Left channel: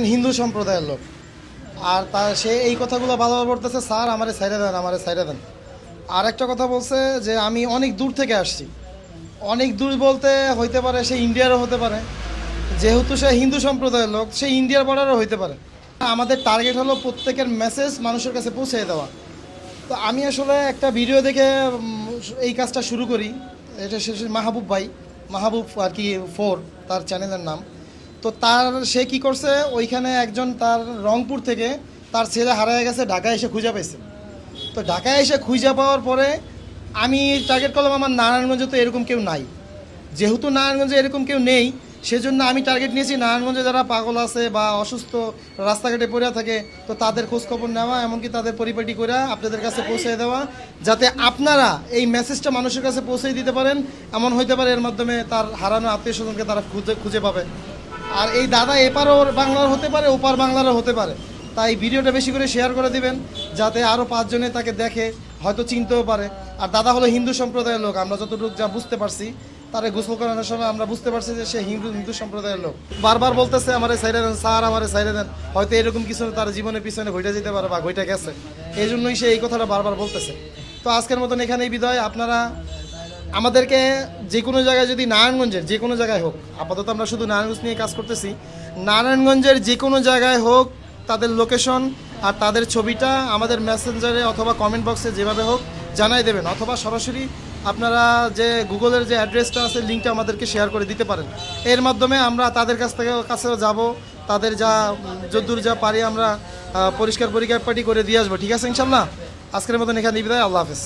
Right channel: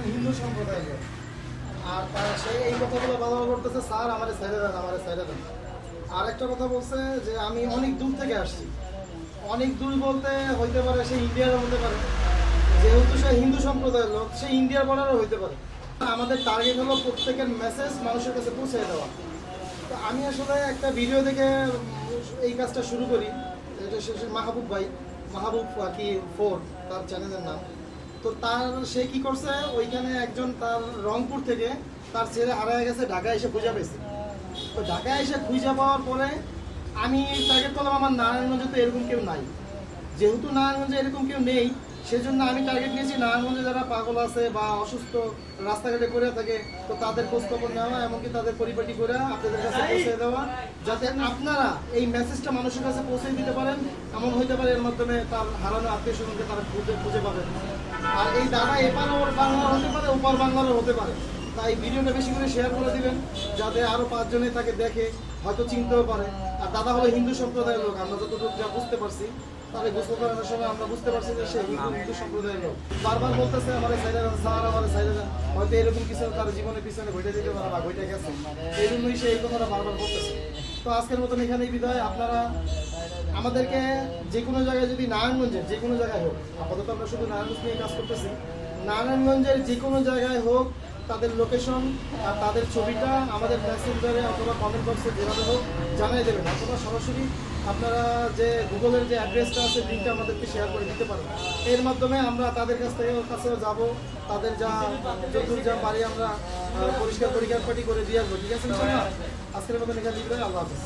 দেখেন হিন্দু সম্প্রদায়ের লোক, আর সে এই কথাগুলো বারবার বলতেছে, স্যার আমারে ছাইড়া দেন, আমারে ছাইড়া দেন। আর একটা কথা বলছে যে আমি অনেক দূর থেকে আসছি। অনেক দূর বলতে হইতে পারে সে ইন্ডিয়ারও হতে পারে, যেহেতু সে হিন্দু সম্প্রদায়ের লোক সে ইন্ডিয়ার বর্ডারও হইতে পারে। আমাদের টার্গেট হলো প্রত্যেকের মেসেজ মানুষের কাছে পৌঁছে দেওয়া। তো আমি আসলে একটা ভিডিও দেখে এই কাজটা শুরু করি। এটা শেষে মাহবুব ভাই, মাহবুব আর কি 4 তার চ্যানেলের নাম। তো সে কি করছে, ওইখানে একজন তার রংপুর থেকে তার ছেলে হারিয়ে গেছে, ঢাকায় এসে খুঁজে পেয়েছে। তো ঢাকায় এসে খুঁজে পাওয়ার পরে আমি টার্গেট করলাম আমার নারায়ণগঞ্জে তো এরকম কেউ নাই। যেহেতু নারায়ণগঞ্জে এরকম কেউ নেই, সেজন্য আমি টার্গেট নিয়েছি নারায়ণগঞ্জে যারা পাগল আছে বা অসুস্থ রাস্তাঘাটে পড়ে থাকে, তো তাদের খোঁজখবর নেওয়া, এমনকি তাদের পরিপাটি করে আপনাদের কাছে পৌঁছে দেওয়া, যাতে আপনারা এই মেসেজটা মানুষের কাছে পৌঁছে দিতে পারেন। এমন হইতে পারে এর মাধ্যমে তার হারানো আত্মীয় স্বজনকে তারা খুঁজে পাবে। আর এই দাদা এপারও বাংলার হতে পারে, ওপার বাংলারও হতে পারে। তাই ভিডিওটা বেশি করে শেয়ার করে দিবেন, যাতে আরও 5 জনে তাকে দেখে, হয়তো চিনতেও পারে। আর দাদা হলো হিন্দু সম্প্রদায়ের লোক, আমরা যতটুকু যা বুঝতে পারছি, তারা গোসল করানোর সময় আমরা বুঝতে পারছি যে সে হিন্দু সম্প্রদায়ের লোক। বারবার বলতেছে আমারে সাইডে দেন স্যার, আমারে সাইডে দেন। হয়তো এরকম কিছু তার জীবনের পিছনে ঘটে যেতে পারে বা ঘটে গেছে, এই জন্যই সে এই কথাটা বারবার বলতেছে। তো আজকের মতন এখানেই বিদায়। আপনারা আমাদেরকে যে কোনো জায়গায়, যদি নারায়ণগঞ্জের যে কোনো জায়গায় হোক, আপাতত আমরা শুধু নারায়ণগঞ্জ নিয়ে কাজ করতেছি, নারায়ণগঞ্জের যে কোনো জায়গায় হোক তাদের লোকেশন আর তাদের ছবিটা আমাদের মেসেঞ্জারে অথবা কমেন্ট বক্সে যেভাবে হোক জানাই দেবেন, অথবা সরাসরি আপনারা যে গুগলের যে অ্যাড্রেসটা আছে লিঙ্কটা আমাদেরকে শেয়ার করে দিতে পারেন। এর মাধ্যমে আমরা তাদের কাছেও যাব, তাদের যদ্দূর যা পারি আমরা পরিষ্কার পরিপাটি করে দিয়ে আসবো। ঠিক আছে ইনশাল্লাহ। আজকের মতন এখানে বিদায়। আল্লাহ হাফেজ।